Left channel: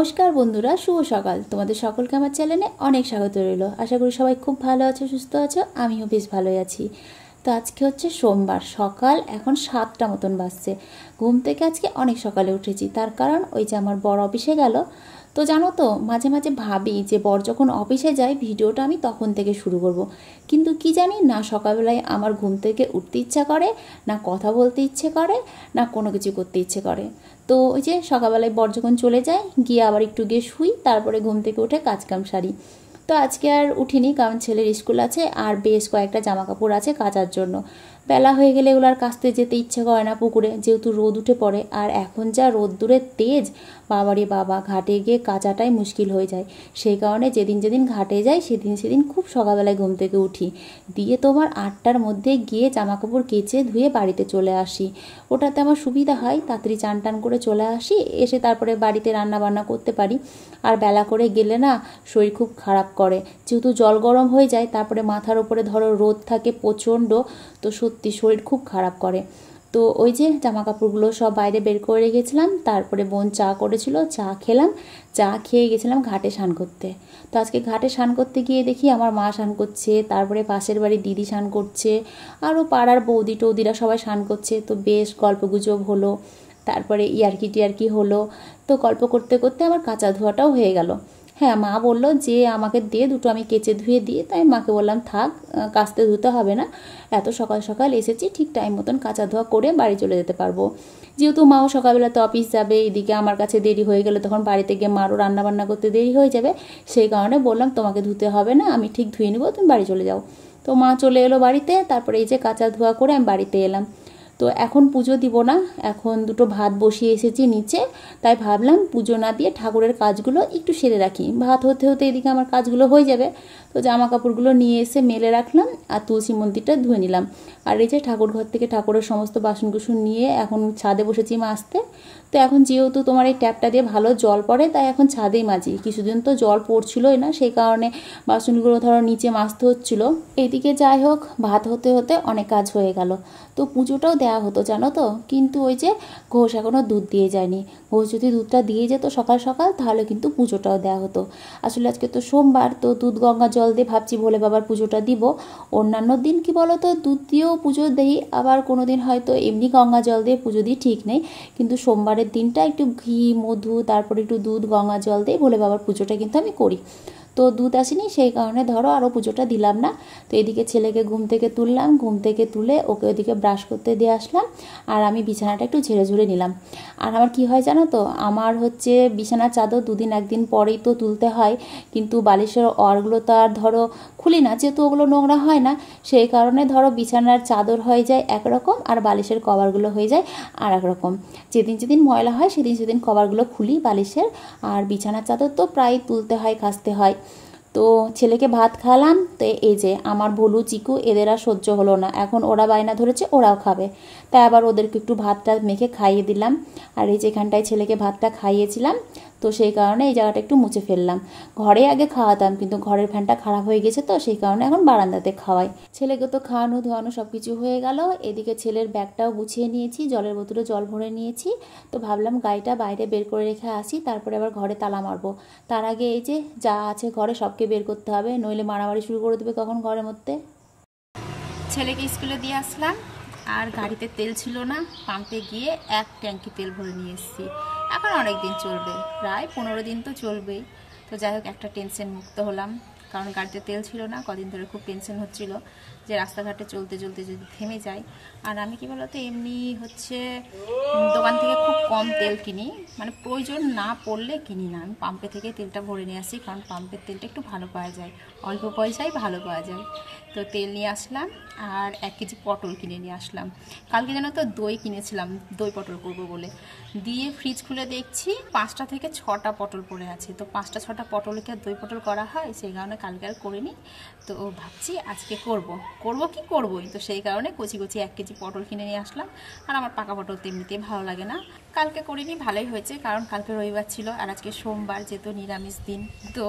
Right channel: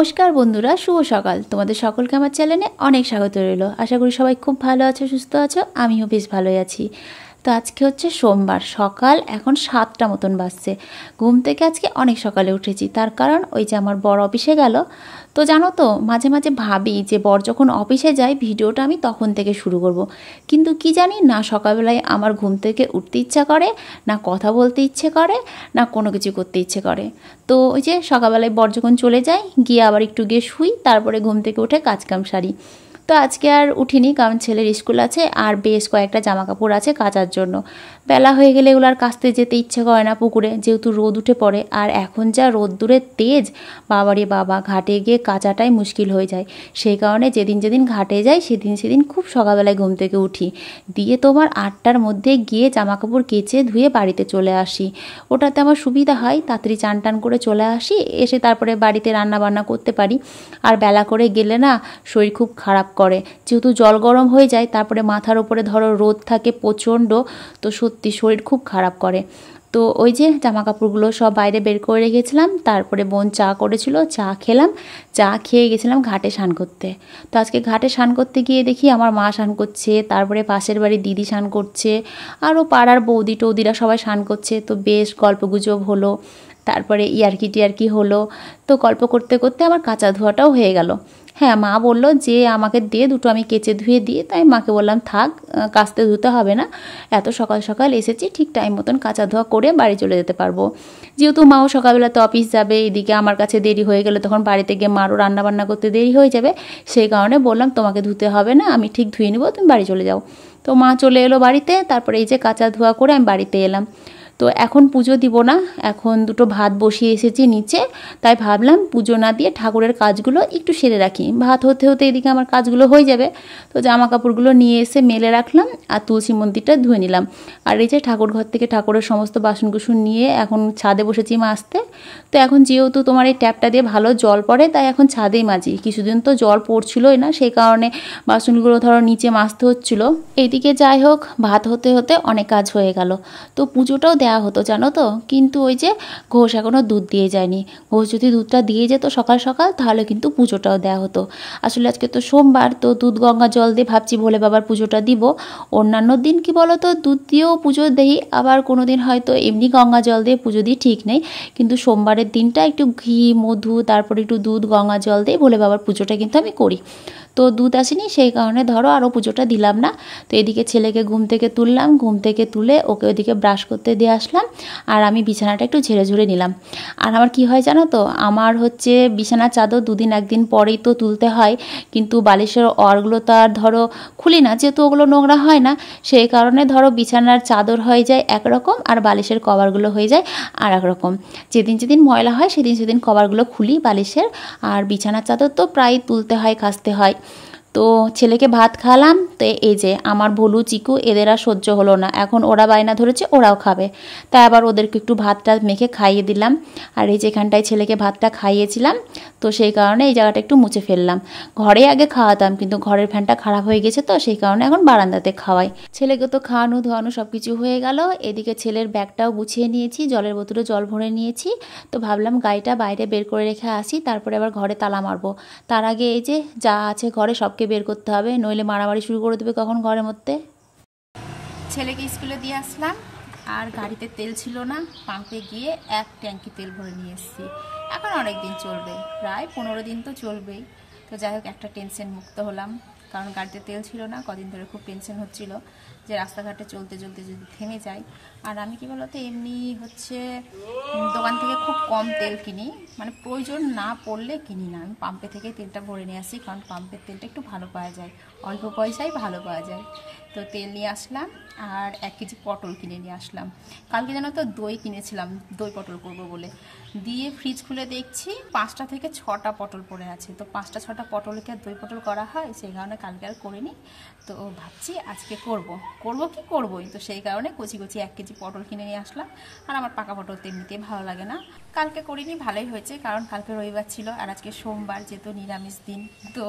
নমস্কার বন্ধুরা, শুভ সকাল। তোমাদের সকলকে আমার চ্যানেলে অনেক স্বাগত রইল। আশা করি সবাই খুব ভালো আছো, সুস্থ আছো। আমিও বেশ ভালোই আছি। তো আজকে হচ্ছে সোমবার, সকাল এখন 7টা মতন বাজছে। ঘুম থেকে আজকে অনেক সকালে উঠেছি, তার কারণ ওই যে আমার বর অফিসে গেল। তো জানো তো, মাঝে মাঝে ভাবি যে বর যখন অফিসে যায় ভিডিওটা আমি তখন থেকে শুরু করব। কিন্তু কি জানি না, সকালবেলায় আমার ঘুম থেকে উঠতে ইচ্ছা করে না, কথা বলতে ইচ্ছে করে না, কোনো কিছু করতে ইচ্ছে করে। তো ওই যে সকালবেলায় বর যখন চলে যায়, গিয়ে আবার একটু গিয়ে শুই, তারপরে ঘুম থেকে উঠে কাজকাম সারি। তো আজকে আর উঠিনি, কারণ ছেলের স্কুল আছে আর বেশ কয়েকটা জামা কাপড় আছে কাচার জন্য। বেলা হয়ে গেলে এগুলো আর কাচতে যেতে ইচ্ছে করে না পুকুরে, যেহেতু রোদ উঠে পড়ে। আর এখন যা রোদ্দুরের তেজ, বাবারে বাবা, ঘাটে গিয়ে কাচাটাই মুশকিল হয়ে যায়। সেই কারণে যেদিন যেদিন ঘাটে যাই সেদিন খুব সকালবেলায় ঘুম থেকে উঠি, দিয়ে তোমার 8টার মধ্যে গিয়ে জামা কাপড় কেচে ধুয়ে বাড়িতে চলে আসি। ওটাতে আমার সুবিধা হয়, তাড়াতাড়ি চান টান করে চলে আসি, এসে তারপরে বাড়িতে রান্না বান্না করতে পারি। আর বেলা করে গেলে না শরীর খুব খারাপ করে, যেহেতু জল গরম হয়ে যায়, তারপরে মাথার উপরে ধরো রোদ থাকে প্রচণ্ড, তো সত্যি শরীর খুব খারাপ করে। তো ওই যে জামা কাপড়গুলো সব বাইরে বের করে রেখেছিলাম, তারপরে বোন চা করেছিল, চা খেলাম, চা খেয়ে গেছিলাম ঘাটে স্নান করতে। তো আজকে ঘাটে স্নান করতে গিয়ে দেখি আমার মা স্নান করছে, তারপরে পাশের বাড়ির দিদি স্নান করছে, আরও পাড়ার বৌদি টৌদিরা সবাই স্নান করছে। তো বেশ গল্পগুজব হলো, তারপরে ইয়ার্কি টিয়ার্কি হলো। তো গল্প করতে করতে আমার কাঁচা ধোয়াটাও হয়ে গেল। হ্যাঁ, মা বলল যে আমাকে দে দুটো, আমি কেচে ধুয়ে দিই। তাই মাকে বললাম থাক, কাচতে ধুতে হবে না, এত সকাল সকাল এসেছি, ঠিক টাইম মতন কাচা ধোয়া করে বাড়ি চলে যেতে পারবো। যেহেতু মাও সকালবেলা তো অফিস যাবে, এদিকে আমার কাছে দেরি হয়ে গেলে তখন বাড়িতে গিয়ে মারও রান্নাবান্না করতে দেরি হয়ে যাবে। সেই কারণে বললাম তোমাকে ধুতে হবে না, আমি ঠিক ধুয়ে নেবো, তুমি বাড়ি চলে যাও। তো মা চলে এলো বাড়িতে, তারপরে এই যে কাচা ধোয়া করে আমি বাড়িতে এলাম। তো এখন পুজো দিব না, এখন দুটো ভাত বসিয়ে এসেছি নিচে। তাই ভাবলাম পুজো না দিয়ে ঠাকুরের কাজগুলো একটু সেরে রাখি, ভাত হতে হতে এদিকে আমার কাজগুলো হয়ে যাবে। তো জামা কাপড়গুলো নিয়ে এসে মেলে রাখলাম আর তুলসী মন্দিরটা ধুয়ে নিলাম। আর এই যে ঠাকুর ঘর থেকে ঠাকুরের সমস্ত বাসনকুসন নিয়ে এখন ছাদে বসেছি মাজতে। তো এখন যেহেতু তোমার এই ট্যাপটা দিয়ে ভালো জল পড়ে, তাই এখন ছাদেই মাজি। কিছুদিন তো জল পড়ছিলই না, সেই কারণে বাসনগুলো ধরো নিচে মাজতে হচ্ছিলো। এইদিকে যাই হোক, ভাত হতে হতে অনেক কাজ হয়ে গেল। তো পুজোটাও দেওয়া হতো জানো তো, কিন্তু ওই যে ঘোষ এখনও দুধ দিয়ে যায়নি। ঘোষ যদি দুধটা দিয়ে যেত সকাল সকাল, তাহলে কিন্তু পুজোটাও দেওয়া হতো। আসলে আজকে তো সোমবার, তো দুধ গঙ্গা জল দিয়ে ভাবছি ভোলে বাবার পুজোটা দিব। অন্যান্য দিন কি বলো তো, দুধ দিয়েও পুজো দিই, আবার কোনো দিন হয়তো এমনি গঙ্গা জল দিয়ে পুজো দিই, ঠিক নেই। কিন্তু সোমবারের দিনটা একটু ঘি মধু তারপরে একটু দুধ গঙ্গা জল দিয়ে ভোলে বাবার পুজোটা কিন্তু আমি করি। তো দুধ আসেনি, সেই কারণে ধরো আরও পুজোটা দিলাম না। তো এদিকে ছেলেকে ঘুম থেকে তুললাম, ঘুম থেকে তুলে ওকে ওইদিকে ব্রাশ করতে দিয়ে আসলাম, আর আমি বিছানাটা একটু ঝেড়ে ঝুড়ে নিলাম। আর আমার কি হয় জানো তো, আমার হচ্ছে বিছানার চাদর দুদিন একদিন পরেই তো তুলতে হয়, কিন্তু বালিশের ওয়ারগুলো তো আর ধরো খুলি না, যেহেতু ওগুলো নোংরা হয় না। সেই কারণে ধরো বিছানার চাদর হয়ে যায় একরকম, আর বালিশের কভারগুলো হয়ে যায় আর এক রকম। যেদিন যেদিন ময়লা হয় সেদিন কভারগুলো খুলি বালিশের, আর বিছানার চাদর তো প্রায় তুলতে হয়, কাচতে হয়। তো ছেলেকে ভাত খাওয়ালাম। তো এই যে আমার ভলু চিকু এদের আর সহ্য হলো না, এখন ওরা বায়না ধরেছে ওরাও খাবে, তাই আবার ওদেরকে একটু ভাতটা মেখে খাইয়ে দিলাম। আর এই যেখানটায় ছেলেকে ভাতটা খাইয়েছিলাম, তো সেই কারণে এই জায়গাটা একটু মুছে ফেললাম। ঘরে আগে খাওয়াতাম, কিন্তু ঘরের ফ্যানটা খারাপ হয়ে গেছে, তো সেই কারণে এখন বারান্দাতে খাওয়াই। ছেলেকে তো খাওয়ানো ধোয়ানো সব কিছু হয়ে গেল। এদিকে ছেলের ব্যাগটাও গুছিয়ে নিয়েছি, জলের বোতলে জল ভরে নিয়েছি। তো ভাবলাম গাড়িটা বাইরে বের করে রেখে আসি, তারপরে আবার ঘরে তালা মারবো। তার আগে এই যে যা আছে ঘরে সবকে বের করতে হবে, নইলে মারামারি শুরু করে দেবে কখন ঘরের মধ্যে। ছেলেকে স্কুলে দিয়ে আসলাম, আর গাড়িতে তেল ছিল না, পাম্পে গিয়ে 1 ট্যাঙ্কি তেল ভরে নিয়ে এসেছি। এখন অনেক দিন চলবে, প্রায় 15 দিন তো চলবেই। তো যাই হোক, একটা টেনশন মুক্ত হলাম, কারণ গাড়িতে তেল ছিল না, কদিন ধরে খুব টেনশন হচ্ছিল যে রাস্তাঘাটে চলতে চলতে যদি থেমে যায়। আর আমি কি বলতো, এমনি হচ্ছে দোকান থেকে খুব কম তেল কিনি, মানে প্রয়োজন না পড়লে কিনি না। আমি পাম্পে থেকে তেলটা ভরে নিয়ে আসি, কারণ পাম্পের তেলটা একটু ভালো পাওয়া যায়, অল্প পয়সায় ভালো পাওয়া যায়। তো তেল নিয়ে আসলাম, আর 1 কেজি পটল কিনে নিয়ে আসলাম। কালকে যেন তো দই কিনেছিলাম, দই পটল করবো বলে, দিয়ে ফ্রিজ খুলে দেখছি 5টা থেকে 6টা পটল পড়ে আছে। তো 5টা 6টা পটলকে আর দই পটল করা হয়, সেই কারণে কালকে আর করিনি। তো ভাবছি আজকে করবোই। তো সেই কারণে কচি কচি 1 কেজি পটল কিনে নিয়ে আসলাম। আর আমার পাকা পটল তো এমনিতেই ভালো লাগে না, কালকে করিনি, ভালোই হয়েছে, কারণ কালকে রবিবার ছিল আর আজকে সোমবার, যেহেতু নিরামিষ দিন, তো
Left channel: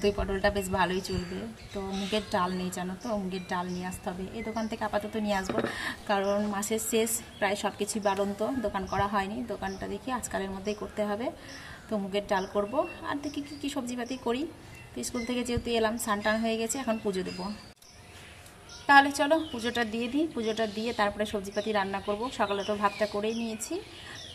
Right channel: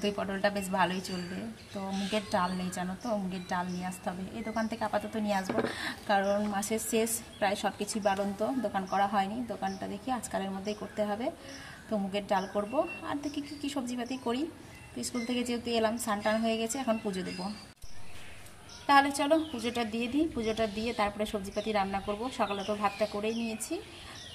দই পটলটা বেশ ভালোই চলবে। তো মুগের ডাল নেই জানো তো, মুগের ডাল নিয়ে আসতে হবে। এই দোকান থেকে আপাতত নিয়ে আসবো, কারণ মাসের শেষ, প্রায় সব কিছুই বাড়ন্ত, দোকান করা হয়নি। দোকানটা দেখি আজকালের মধ্যেই করতে হবে। তো মুগের ডাল করব, আর দেখি কী সবজিপাতি করি। তো স্কুল থেকে যেহেতু এলাম, স্নান হয়ে গেছে, এখন পুজো দেবো। তাহলে চলো পুজোটা দিয়ে দিই, পুজোটা দিয়ে তারপরে সবজিপাতি রান্না করব। সকালে তো ভাতটা করেই নিয়েছি।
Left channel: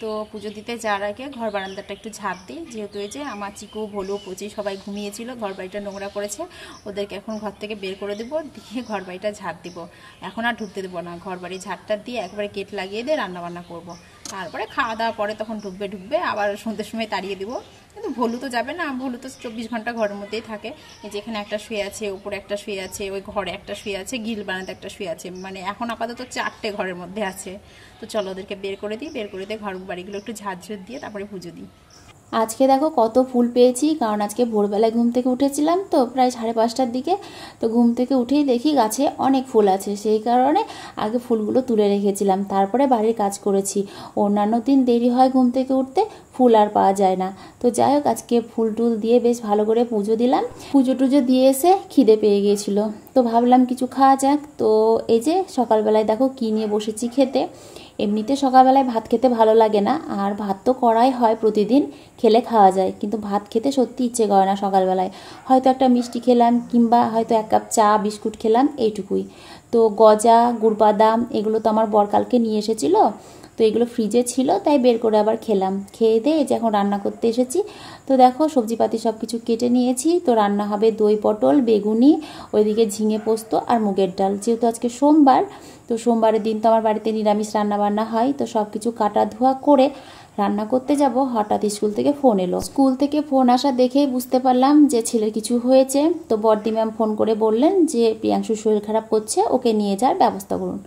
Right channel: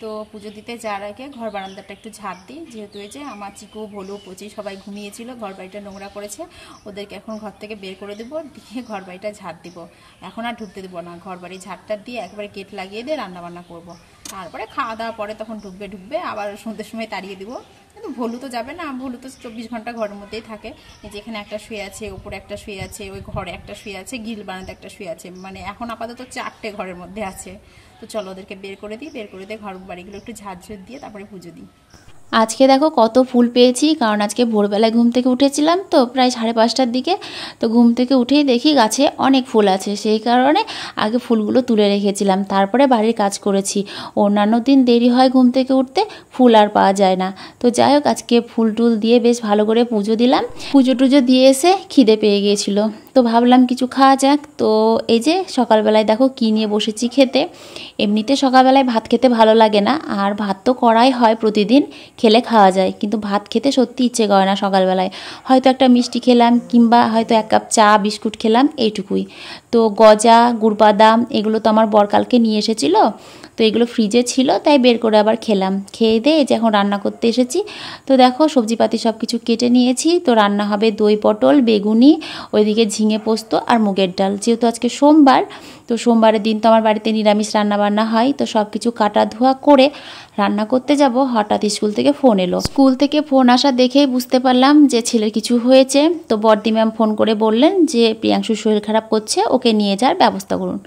তো পুজো দিতে যাওয়ার আগে ঘর বারান্দাটা একটু ঝাঁট দিই, যেহেতু এই যে আমার চিকু ভোলু পচি সবাই ঘুমিয়েছিল, ঘর বাড়িটা নোংরা করেছে, ওদেরকে এখন ঘর থেকে বের করে দেবো, দিয়ে ঘর বাড়িটা ঝাঁট দিব। এখন আর ঢুকতে দেবো না, ঘর বাড়ি ঝাঁটটা দিয়ে একবারে গেট লাগিয়ে দিয়ে রান্নাবান্না করব। তারপরে খাওয়া দাওয়ার পরে তখন ঢুকবে, আবার সন্ধ্যের সময় তাড়িয়ে দিব। কিন্তু ভোলু তো যাবে না, ভোলু তো 24 ঘন্টা ঘরের মধ্যেই থাকে। এই যে এখানে একটা শুয়ে আছে, উপরে একটা শুয়ে আছে, ওই ঘরে একটা শুয়ে আছে, গিল বানাতে একটা শুয়ে আছে, মানে এখন আপাতত 4টে ঘরের মধ্যে আছে। তো চলো ওদেরকে বের করে দিই, বের করে দিয়ে ঘর বাড়িগুলো একটু ঝাড়ঝুড় দিয়ে তারপরে পুজো দিই। আজকে দেখো কত ফুল পেয়েছি, কারণ আজকে ভোরবেলায় ঘুম থেকে উঠেছিলাম তো প্রায় 5:30টার দিকে। তো ঘুম থেকে উঠেই দেখি গাছে অনেক ফুল আছে, সেই কারণে আগে ফুলগুলো তুলে রেখেছিলাম, তারপরে বাড়ির কাজ করেছি। অন্যান্য দিন দেরি হয় ঘুম থেকে উঠতে, ফুল আর পাওয়া যায় না। তো যাই হোক, আজকে ফুল টুল দিয়ে বেশ ভালো করে পুজো দিলাম। পুজো টুজো দিয়ে এসে খিদে পেয়ে গিয়েছিল, তো ভাবলাম কিছু খাওয়া যাক। তো এই যে সকালবেলায় দেখো কী নিয়ে বসেছি খেতে। এমনিতে সকালবেলায় ভাত খেতে ভালো লাগে না, আর ভাত তো করাই হয় প্রতিদিন, খেলে খাওয়া যায়, কিন্তু ভাত খেতে সত্যি ইচ্ছে করে না সকালবেলায়। হয়তো একটা মিষ্টি খেলাম, কিংবা হয়তো 1 কাপ চা বিস্কুট খেলাম, এইটুকুই। তো গজা, গুড়বাদাম এগুলো তো আমার বরকালকে নিয়ে এসেছিলো, তো এগুলো ফ্রিজে ছিল, তাই বের করে আবার খেলাম। খেয়ে দিয়ে যে এখন রান্না করতে এসেছি। তো দেখো সবজিপাতি সব কিছু কেটে নিয়েছি। তো রান্না হবে দই পটল, বেগুনি, ওইদিকে ঝিঙে পোস্ত আর মুগের ডাল। যেহেতু আজকে সোমবার, তো সোমবারের দিন তো আমার বাড়িতে নিরামিষ রান্নাবান্না হয়। তো সব কিছু কাটা ধোয়া করে রান্না করতে যাব, হঠাৎ স্কুল থেকে ফোন এলো। স্কুল থেকে ফোন আসা দেখেই বুঝতে পারলাম যে ছেলের কিছু হয়েছে। তো বড়দি ম্যাম ফোন করে বললেন যে প্রিয়াংশুর শরীর খারাপ করছে, ওকে নিয়ে যাওয়ার ব্যবস্থা করুন।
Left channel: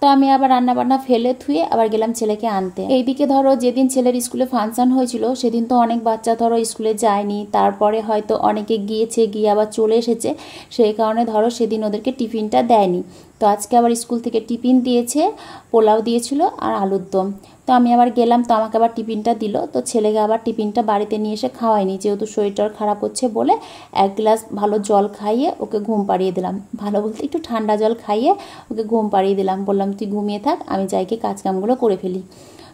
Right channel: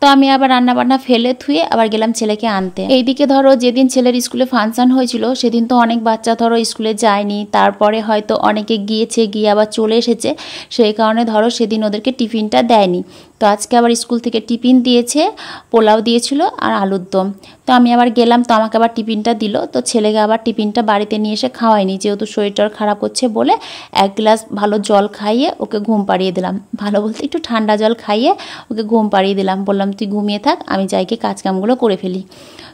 তো আমি আবার রান্নাবান্না ফেলে থুয়ে আবার গেলাম ছেলেকে আনতে। এইদিকে ধরো যেদিন ছেলের স্কুলে ফাংশন হয়েছিল সেদিন তো অনেক বাচ্চা ধরো স্কুলে যায়নি, তারপরে হয়তো অনেকে গিয়েছে, গিয়ে আবার চলে এসেছে, সেই কারণে ধরো সেদিন ওদেরকে টিফিনটা দেয়নি। তো আজকে আবার স্কুল থেকে টিফিন দিয়েছে, পোলাও দিয়েছিল আর আলুর দম। তো আমি আবার গেলাম, তো আমাকে আবার টিফিনটা দিল। তো ছেলেকে আবার টিফিনটা বাড়িতে নিয়ে এসে খাওয়াইনি, যেহেতু শরীরটা খারাপ হচ্ছে বলে 1 গ্লাস ভালো জল খাইয়ে ওকে ঘুম পাড়িয়ে দিলাম। ভালো বলতে একটু ঠান্ডা জল খাইয়ে ওকে ঘুম পাড়িয়ে দিলাম, বললাম তুই ঘুমিয়ে থাক, আমি যাইকে কাজকামগুলো করে ফেলি।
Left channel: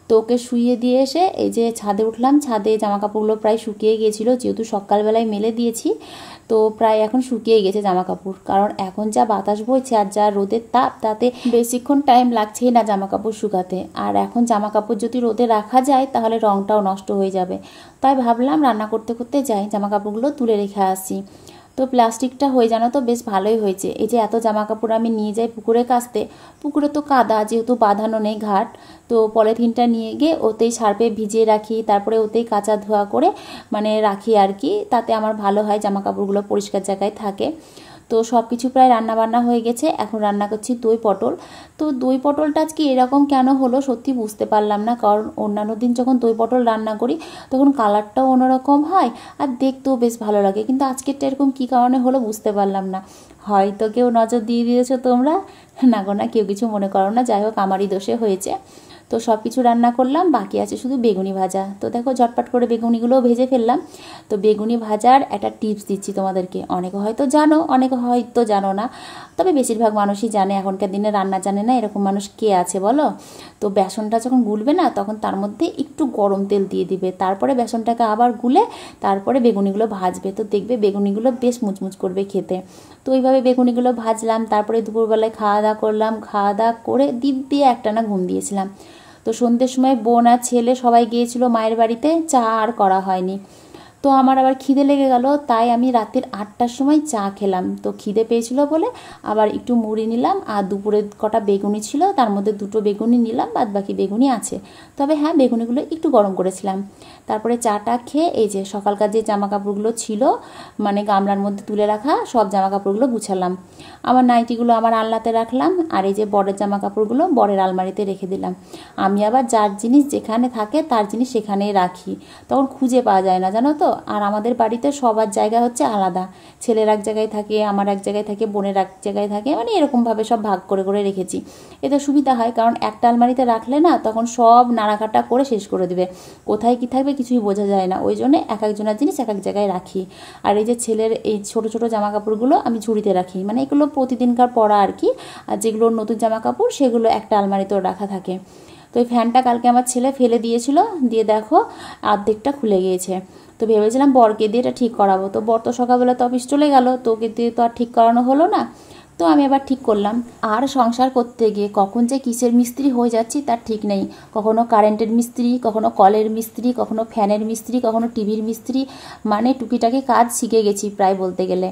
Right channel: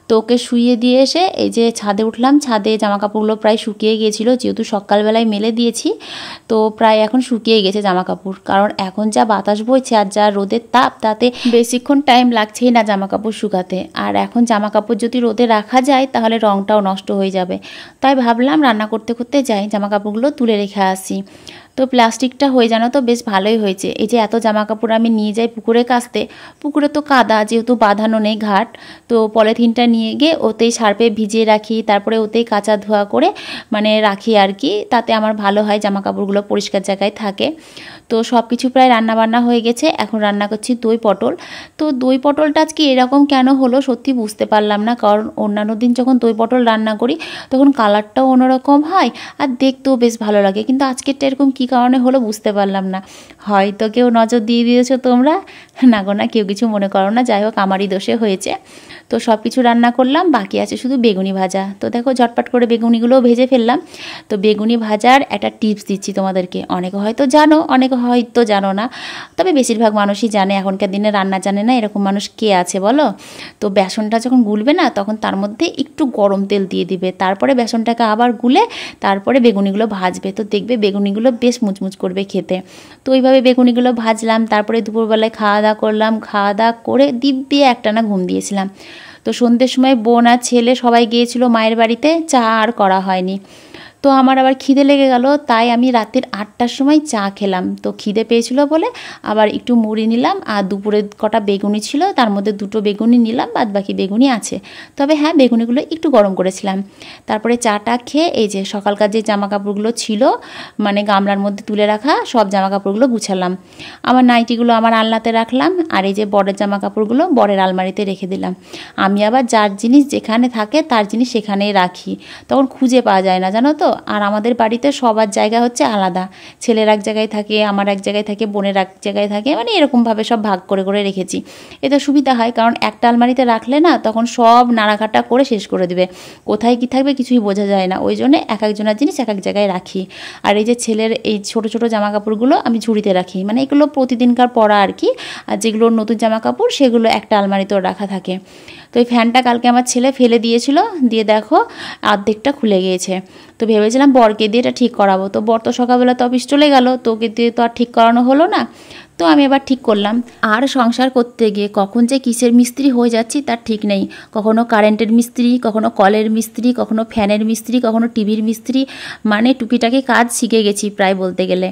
তো ওকে শুইয়ে দিয়ে এসে এই যে ছাদে উঠলাম। ছাদে জামাকাপড়গুলো প্রায় শুকিয়ে গিয়েছিলো, যেহেতু সকালবেলায় মেলে দিয়েছি, তো প্রায় এখন শুকিয়ে গেছে জামাকাপড়। কারণ এখন যা বাতাস বইছে আর যা রোদের তাপ, তাতে বেশিক্ষণ টাইম লাগছেই না জামাকাপড় শুকাতে। আর এখন জামাকাপড় যদি রোদে রাখা যায় তাহলে রঙটাও নষ্ট হয়ে যাবে। তাই ভাবলাম রান্না করতে করতে যাই, জামাকাপড়গুলো তুলে রেখে আসি। তো প্লাস্টিকটা হয়ে জানো তো বেশ ভালোই হয়েছে। এই যে এত জামাকাপড় আমি নিয়ে যাই পুকুরে কাচতে, পুকুরে তো কাদা, যেহেতু বাঁধানো নেই ঘাট, তো পলিথিনটা নিয়ে গিয়ে ওতেই সার্ফে ভিজিয়ে রাখি, তারপরে ওতেই কাচা ধোয়া করে মানে রাখি আর কি। তাতে আমার ভালো হয়, জামাকাপড়গুলো পরিষ্কার জায়গায় থাকে। তো সব কিছু প্রায় রান্নাবান্না হয়ে গেছে, এখন রান্না করছি দই পটল। তো দই পটলটা আজকে এরকম কেন হলো সত্যি বুঝতে পারলাম না, কারণ অন্যান্য দিন যখন দই পটল রান্না করি তখন কালারটাও অন্যরকম হয় আর দেখতেও বেশ ভালো লাগে, কিন্তু আজকেরটা এরকম কী কারণে হলো বুঝতে পারলাম না। হয়তো কেউ নজর দিয়ে দিয়েছো তোমরা, না গো না, কেউ কিছু মনে করো না, যাই হোক আমারই দোষে হয়েছে। তো সব কিছু রান্না করলাম, বাকি আছে শুধু বেগুনি ভাজা। তো দেখো ঝটপট করে বেগুনিগুলোও ভেজে ফেললাম। তো বেগুনি ভাজার একটা টিপস দিচ্ছি তোমাদেরকে, অনেকে হয়তো জানো, অনেকে হয়তো জানো না, তবে বেশিরভাগ মানুষই জানে। এখনকার দিনে রান্না জানে না এরকম মানুষ কে আছে বলো? তো বেসনটা যখন গুলবে না, তখন তার মধ্যে একটু গরম তেল দিয়ে দিবে, তারপরে বেসনটাকে আবার গুলে তারপরে বেগুনিগুলো ভাজবে। তো দেখবে বেগুনিগুলো বেশ মুচমুচ করবে খেতে। তো ওইভাবে বেগুনিগুলো ভাজলাম, তারপরে দুপুরবেলায় খাওয়া দাওয়া করলাম, খাওয়া দাওয়া করে দিব্যি একটানা ঘুম দিয়েছিলাম। তো সন্ধ্যের সময় বোন আর ছেলে সবাই গিয়েছিল মায়ের বাড়িতে, চা আর করা হয়নি। তো আমার আবার খিদে লেগে গেল, তাই আমি রাতের 8টার সময় চা খেলাম। তো খিদে পেয়েছিল বলে আবার একটু মুড়ি নিলাম, আর দুপুরে কটা বেগুনি ছিল, তার মধ্যে 2টো বেগুনি নিলাম, বাদ বাকি বেগুনি আছে। তবে হ্যাঁ, বেগুনিগুলো একটু গরম করেছিলাম। তারপরে চাটা খেয়ে এই যে সকালকার যে জামাকাপড়গুলো ছিল মানে গামলার মধ্যে তুলে রাখা, সব জামাকাপড়গুলো গুছালাম। আমার নাইটিগুলো আমার আলনাতে রাখলাম, আর এই যে বরের জামাকাপড়গুলো বরের আলমারিতে রেখে দিলাম। আমি আবার যার জিনিস যেখানে থাকে তার জিনিস সেখানেই রাখি, তখন খুঁজে পাওয়া যায় না জানো তো। আর আমাদের বাড়িতে সবার জায়গা হচ্ছে আলাদা, ছেলের এক জায়গায় থাকে, আমার এক জায়গায় থাকে, বোনের এক জায়গায় থাকে, মানে এরকমভাবে সব ভাগ করে করে রেখেছি। এতে সুবিধা হয়, কারণ একটা আলমারিতে রাখলে না তখন সব নাড়াঘাটা করে শেষ করে দেবে, কোথায় কি থাকবে কিছুই বোঝা যায় না। ওই জন্য এক একজনের জিনিস এক এক জায়গায় রাখি। আর এই যে ছেলের এই ছোট ছোট জামা কাপড়গুলো আমি ঝুড়িতে রাখি, মানে এগুলো প্রতিদিনকার পরা আর কি। আর যেগুলো নতুন জামা কাপড় সেগুলো একটা আলমারিতেও রাখা থাকে। তো তো এই ফ্যানটা কালকে আমার ছেলে ফেলে দিয়েছিল, দিয়ে দেখো অর্ধেকটা খুলে গিয়েছে। তো ভেবেছিলাম বরকে দিয়ে এটা ঠিক করাবো, তো বর তো সকালবেলা তো অফিস চলে গেল, তো ওকে দিয়ে তো আর ঠিক করানো হলো না। তো আমি আবার ঠিক করলাম। আর সংসার করতে গিয়ে কখন যে কিসের মিস্ত্রি হয়ে যাচ্ছি তার ঠিক নেই। কখনো কারেন্টের মিস্ত্রি, কখনো কলের মিস্ত্রি, কখনো ফ্যানের মিস্ত্রি, কখনো টিভির মিস্ত্রি, মানে টুকিটাকি কাজ শিখে গেছি প্রায় বলতে গেলে।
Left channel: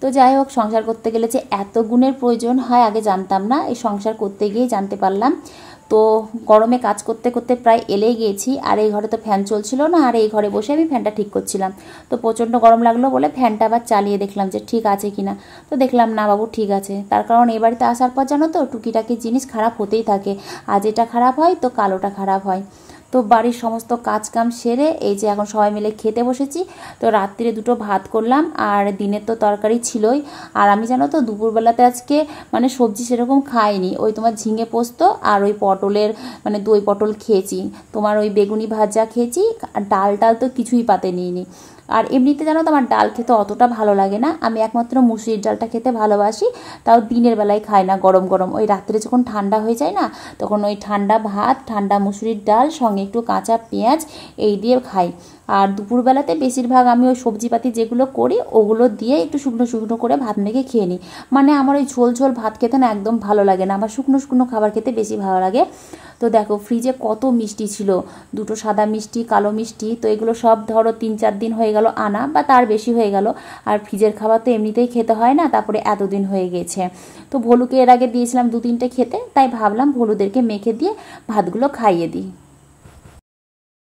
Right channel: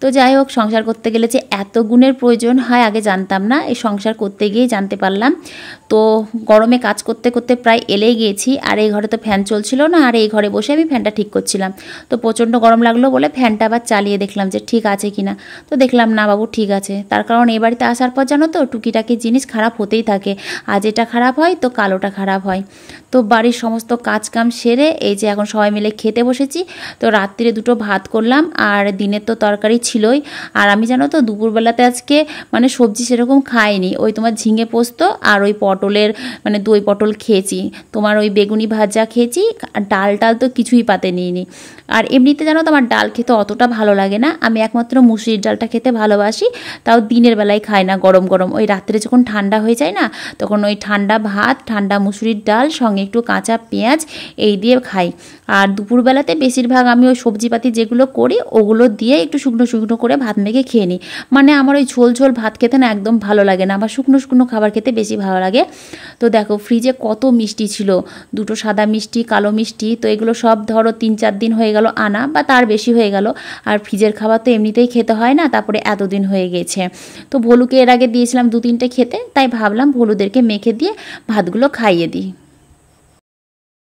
তো যাই হোক, সংসার করতে গেলে যে এত গুণের প্রয়োজন হয় আগে জানতাম না, এই সংসার করতে গিয়েই জানতে পারলাম। তো গরমে কাজ করতে করতে প্রায় এলেই গিয়েছি, আর এই ঘরে তো ফ্যান চলছিল না, আর এই ঘরে বসে আমি ফ্যানটা ঠিক করছিলাম। তো প্রচণ্ড গরম লাগলো বলে ফ্যানটা আবার চালিয়ে দেখলাম যে ঠিক আছে কিনা। তো দেখলাম না বাবু ঠিক আছে। তার কারণ এই বাড়িতে আসার পর জানো তো টুকিটাকি জিনিস খারাপ হতেই থাকে, আজ এটা খারাপ হয় তো কালোটা খারাপ হয়। তো বাড়ির সমস্ত কাজ কাম সেরে এই যে এখন সবাই মিলে খেতে বসেছি। তো রাত্রিরে দুটো ভাত করলাম, আর দিনের তো তরকারি ছিলই। আর আমি জানো তো দুপুরবেলাতে আজকে মানে সবজি সেরকম খাইনি, ওই তোমার ঝিঙে পোস্ত আর ওই পটলের মানে দই পটল খেয়েছি, তোমার ওই বেগুনি ভাজা খেয়েছি, আর ডাল টাল তো কিছুই পাতে নিইনি। আর এমনিতে জানো তো আমার ডাল খেতে অতটা ভালো লাগে না, আমি একমাত্র মুসুরির ডালটা খেতে ভালোবাসি, তাও দিনের বেলায় খাই না, গরম গরম ওই রাত্রে যখন ঠান্ডা হয়ে যায় না তখন ওই ঠান্ডা ভাত, ঠান্ডা মুসুরির ডাল, সঙ্গে একটু কাঁচা পেঁয়াজ এই দিয়ে খাই। আর দুপুরবেলাতে বেশিরভাগ আমি ওই সবজিপাতি যেগুলো করি ওগুলো দিয়ে একটু শুকনো শুকনো করে ভাত মেখে খেয়ে নিই। মানে আমার ওই ঝোল ঝোল ভাত খেতে না একদম ভালো লাগে না, আমার শুকনো শুকনো খাবার খেতে বেশি ভালো লাগে। তো দেখো ফ্রিজে কত মিষ্টি ছিল, দুটো সাদা মিষ্টি, কালো মিষ্টি, তো এগুলো সব ধরো 3-4 দিন হয়ে গেল আনা, বা তার বেশি হয়ে গেল। আর ফ্রিজের খাবার তো এমনিতেই খেতে হয় না, তারপরে এতদিন হয়ে গেছে। তো ভলুকে এর আগে দিয়েছিলাম 2-3টে খেতে, তাই ভাবলাম ভলুদেরকে মেখে দিয়ে ভাতগুলো খাইয়ে দিই।